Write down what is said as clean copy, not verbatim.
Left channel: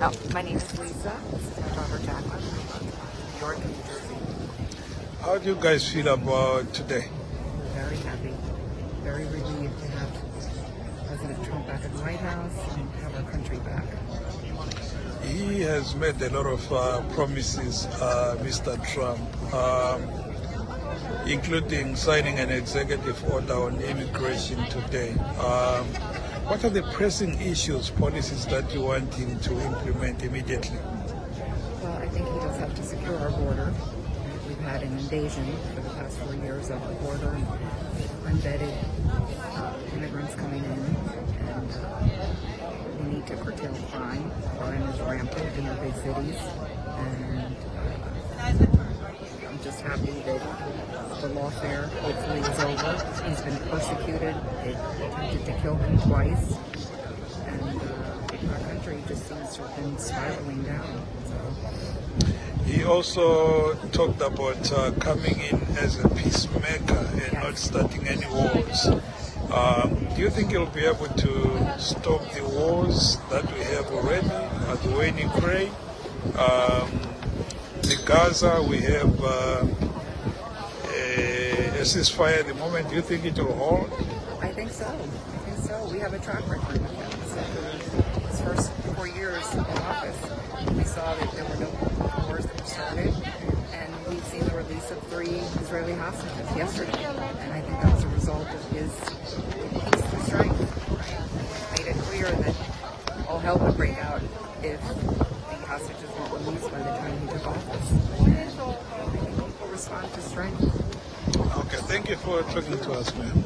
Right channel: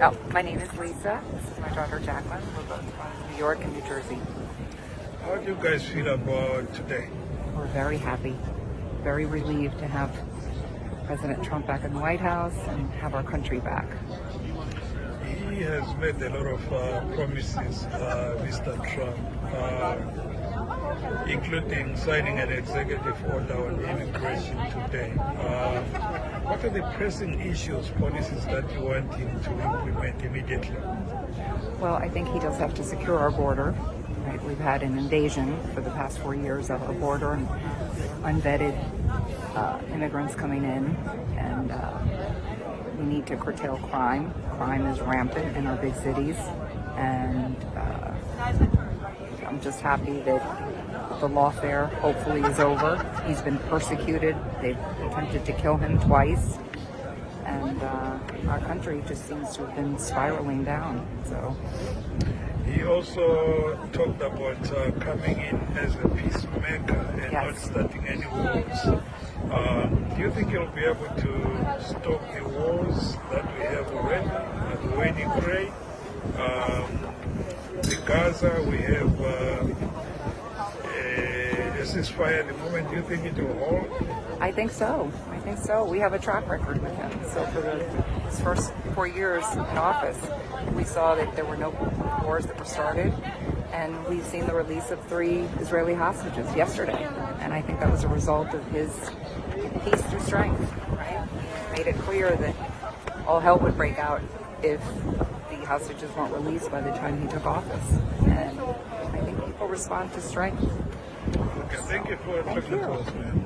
Oh, my name is Lisa. This is my daughter Jacqueline. We're both from New York and New Jersey. How do you guys feel about today? We're very happy, very relieved to have President Trump back in the White House and have our country back. He has made a lot of promises, Mr. Trump, including signing an executive order on immigration today. What are the pressing issues, policies that you want him to implement immediately? Well, I think he does have to secure our border. Right? We've had an invasion for the past 4 years of our border and unvetted immigrants coming in, and we need to curtail crime. Crime is rampant in our big cities, and I'm just happy that the lawfare hopefully is over. He's been persecuted. They've attempted to kill him twice, and our country just seems to have been spiraling down. So he also talked about coming in as a peacemaker and yes. not starting any wars. Do you think he'll be able to stop the wars that we have already? The way in Ukraine, the Gaza, we have a ceasefire at the moment. Do you think it will hold? I think so. We have a track record with him. So for his first 4 years in office, we saw that there were no wars that were started, and we've seen the release of 3 Israeli hostages yesterday. And I think that was a result of his peace through strength, right? He made it clear that all hell would break out if the hostages weren't released by the time he took office. And I think people respond to strength. Okay, thank you for talking to us, ma'am.